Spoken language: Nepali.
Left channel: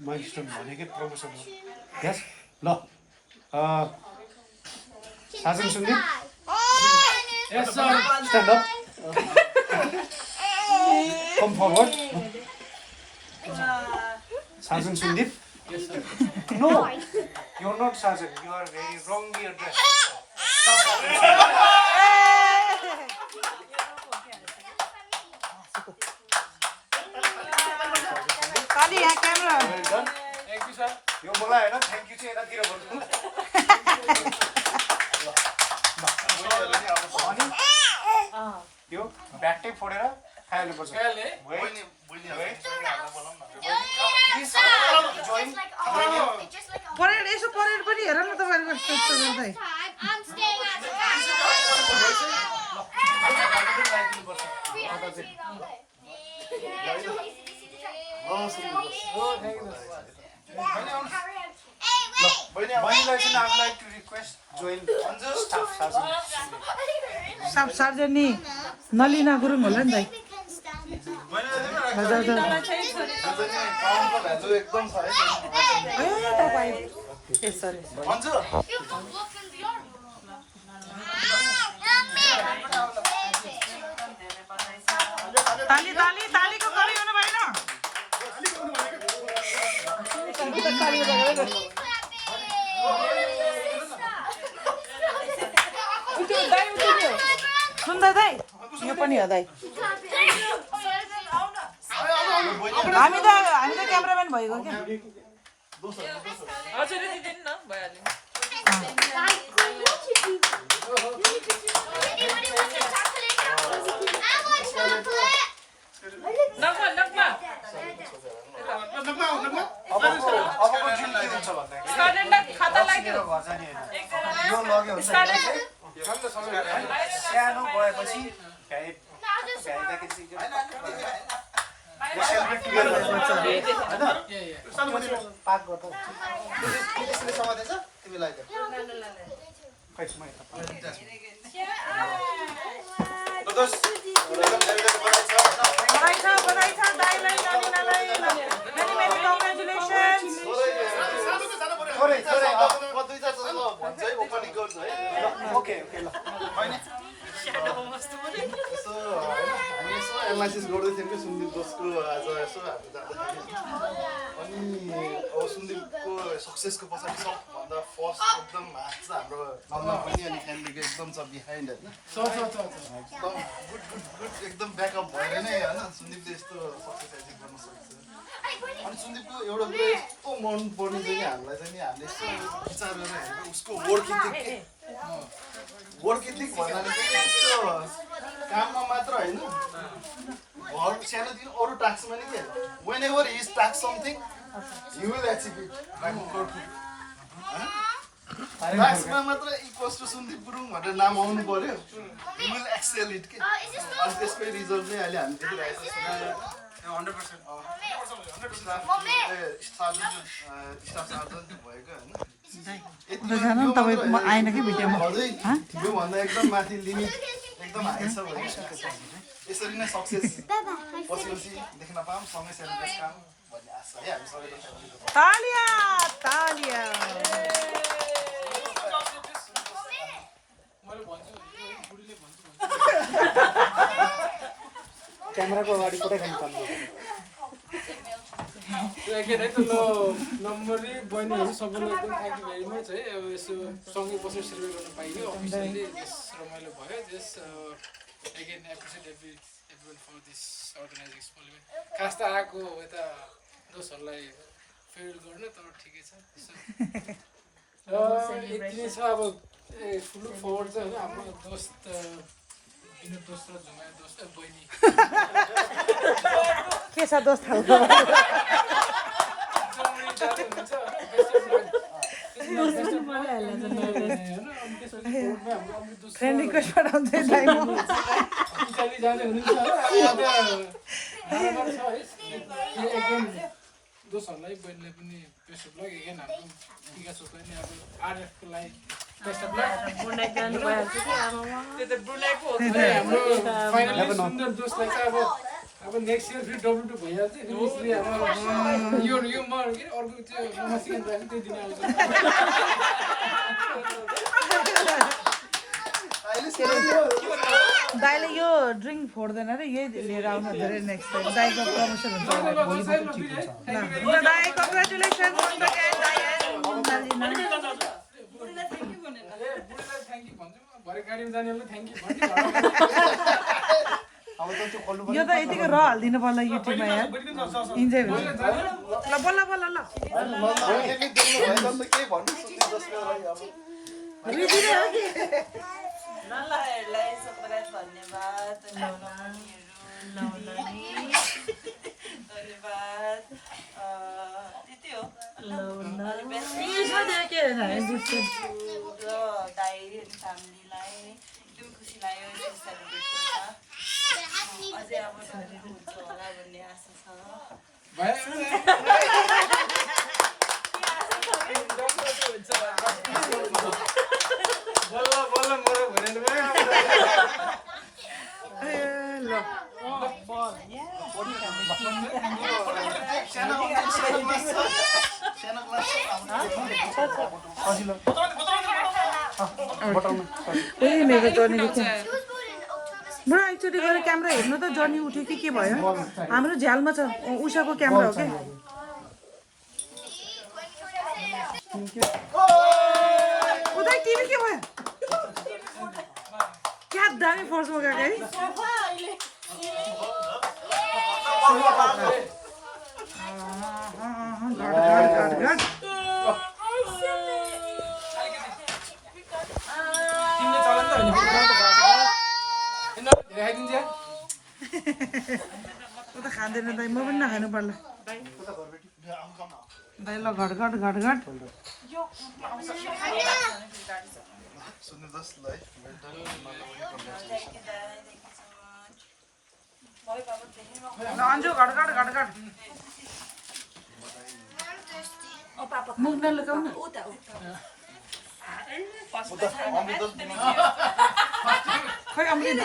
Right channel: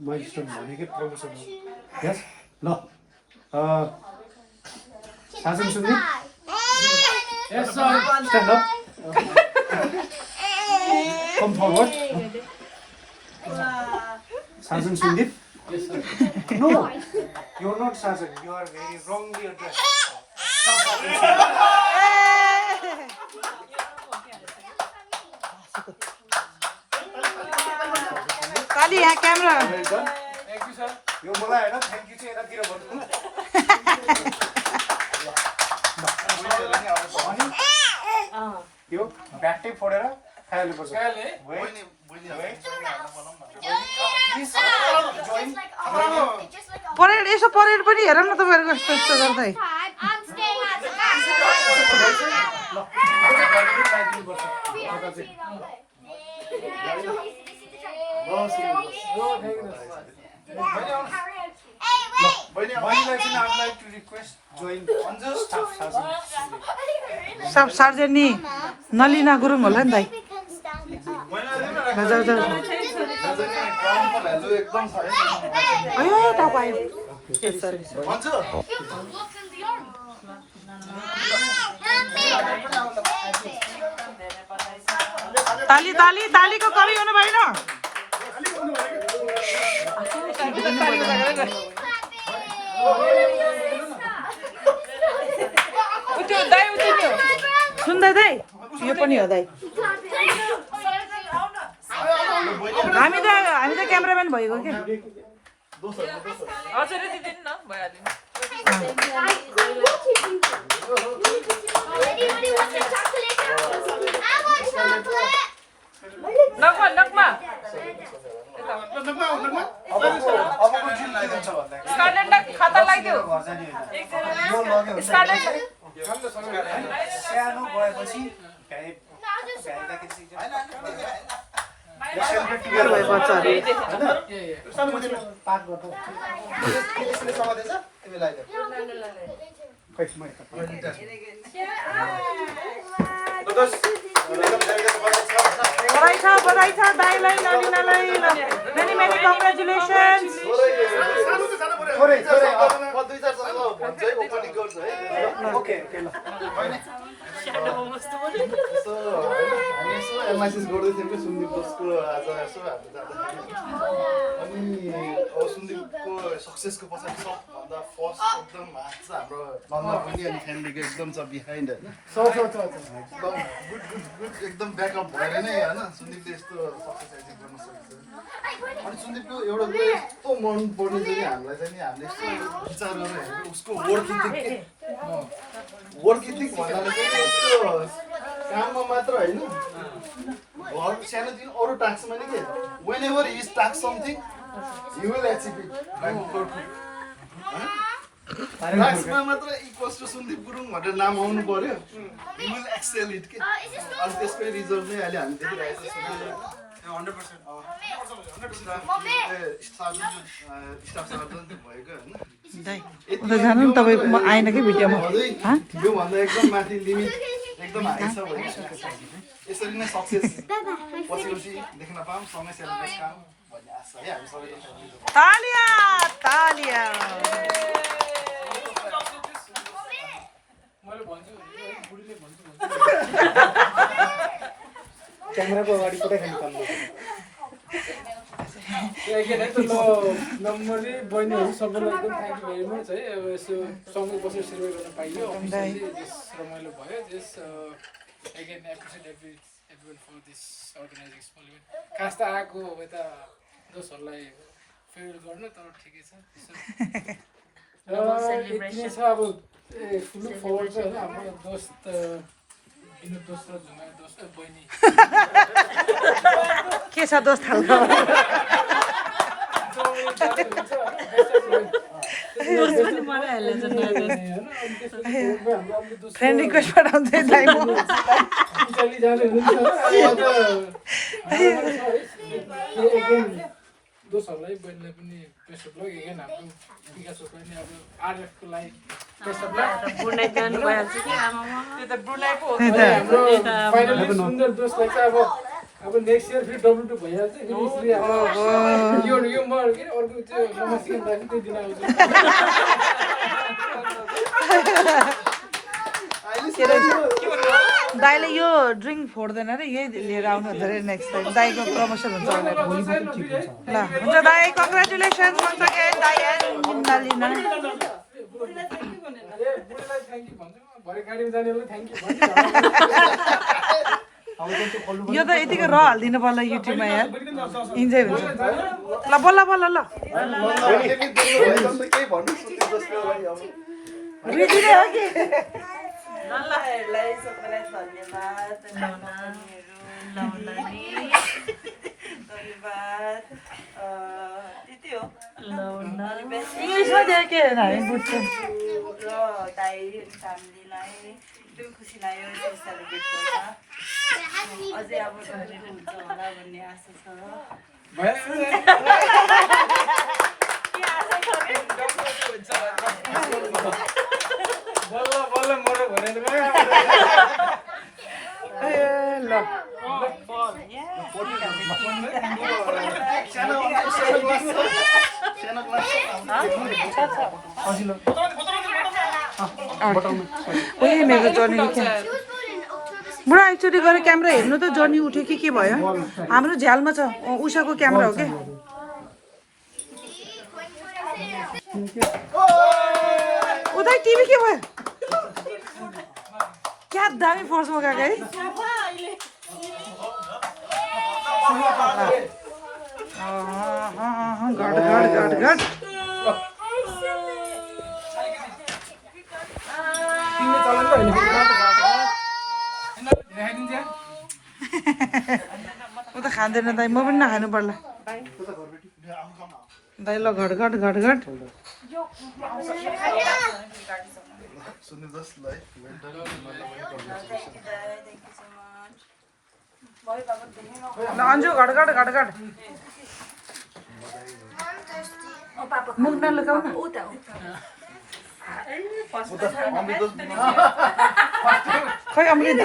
माइलस्टोन भनेकै प्रमोसन हो यस ल साजन सुन्ने yes sir stand up come forward Sajan Sundeep yes sir no you're not Sajan you are very wrongly addressed ताली यहाँ क्यामेरा थ्याङ्क यू सर यो मलाई हैन थ्याङ्क यू चाहिँ यतातिर भन्नु यो ब्याटै फोडेर खाइहाल्नुपर्छ परेड यसो परेड पनि हेर न तपाईँहरूको यस्तो यस्तो गर्दै सब सर्जनी नलिना गुरुङ होला नि दाइ ताली ताली तालीको कमी हुनु भएन सुन्दै दाइ यो पनि हो दाइ हामी त क्यामेराम्यान भएको क्या सानो गएपछि पाक गर्दा बधाई छ दाइलाई नलिनालाई मेनी मेनी कङ्ग्रेचुलेसन्स एनालाइसिस गर्दै थियौँ कि सुन्दीप बोसको आज यसो अनि अब सुन्दीपको सक्सेसको पछाडि सबभन्दा फर्स्ट एकदम हात चाहिँ हाम्रो नन्दा पनि अनि फ्यामिलीको एकदम छ बिहाइन्ड होइन एकदम गुड एकदम ब्याकअप भएर नै होइन सुन्दीपले यस्तो सक्सेस अचिभ गर्न सकेको छ अनि सुन्दीपको एउटा कुरा यस्तो मन पर्ने चाहिँ हामीलाई चाहिँ नि हामीले यस्तो विचार गरेर हेरेको उसको वर्क इथिक भन्नाले चाहिँ यस्तो काममा मात्र होइन घर सानोदेखि अरू टास्कमा नि के whenever his task something he will achieve it टास्कमा मात्र इक्वल्स टु सुन्दीप गुरुङ भनेर नाम आउनु पर्यो हि विल एक्सेल इट के अनि त्यसकै रिजल्ट नै अहिले हामी देखिरहेको उता जानु नि तपाईँ म आएन कि भिडियोमा योभन्दा एकदम माथि लिमिट एकदम हाई छ भने यसरी नै सक्सेस पछि देख्न पाऊँ सँगै सेलिब्रेट काम भन्ने आशा है हामी सबैले क्यामेराको अगाडि पठाइखानु पर्ने again, है त ल नम्बरले बहिनीहरू सबैलाई एकदम थ्याङ्क यू भेरी मच है अब यसो सँगै बसेर सेलिब्रेट गर्न पाइयो अफिसियली जस रमाइलो भयो जस again appreciate every for this organizing small event खास त आएको यता दोस्तहरूलाई फेयर गर्नु तर ठिकै छ र यति नै छ अब लुक फरवर्ड चाहिँ होइन हाम्रो दोस्त विनोद दोस्त र झुमाया दोस्त बहिनी के छ दोस्त फ्रेन्ड रिक्वेस्ट पठाउँदै दोस्तहरूलाई बहिनीलाई पनि बेस्ट अफ लक एगेन हाम्रो विकासलाई नि अब आरएफको लागि बेस्ट अफ लक हाम्रो फाइनली सुन्दर दोस्तलाई चाहिँ अब अब नेक्स्ट इयर फेरि W2 भइहाल्छ फेरि यसरी अब यो म के अर्को त्यो नमस्कार दाजु त्यो दिन आउँछु दाइले यो ड्रिङ्क फोड्दैन रे यही लिएर आउनु धेरै नेक्स्ट टाइम दाइको प्रमोसन हुन्छ ल हुन्छ दाइ कङ्ग्रेचुलेसन वन्स अगेन दाइ एन्ड मुन्टालिना बुढीलाई थ्याङ्क यू भन्छु म भरे गाडीमा जानेलाई थ्याङ्क यू भन्छु यो त यतिको र हालिदिनु पर्ला युट्युबमा यार इन्जोय हुन्छ ल बल्ल बल्ल ल केही भन्नु सुन्नु जस्तो नल्लाहरूलाई सबैलाई धन्यवाद धन्यवाद त्यति हो के हामी बुझ्छौँ र दाइ फ्यामिलीलाई एकदम खुसी लाग्यो यसरी सेलिब्रेट गर्दा अझै अब हुन्छ होला भन्ने आशा छ बल्ल बल्ल मरो भनेर ल बुढा एकचोटि गएर क्यामेरा हेर्नु त जर्नी उठ्यो कि के भयो हाम्रो झ्यालमा छ उषाको क्यामेरा हो क्या उतै टिभी के भयो क्या दामी फर्स्टमा गएको है घट घट घट घट ऊ त खाँदैन दाइ म पनि नखानु पर्ला दाइ ल घट घट घट घट ल अन्जु घट घट घट घट मुख नलुकाउ न खै अमृत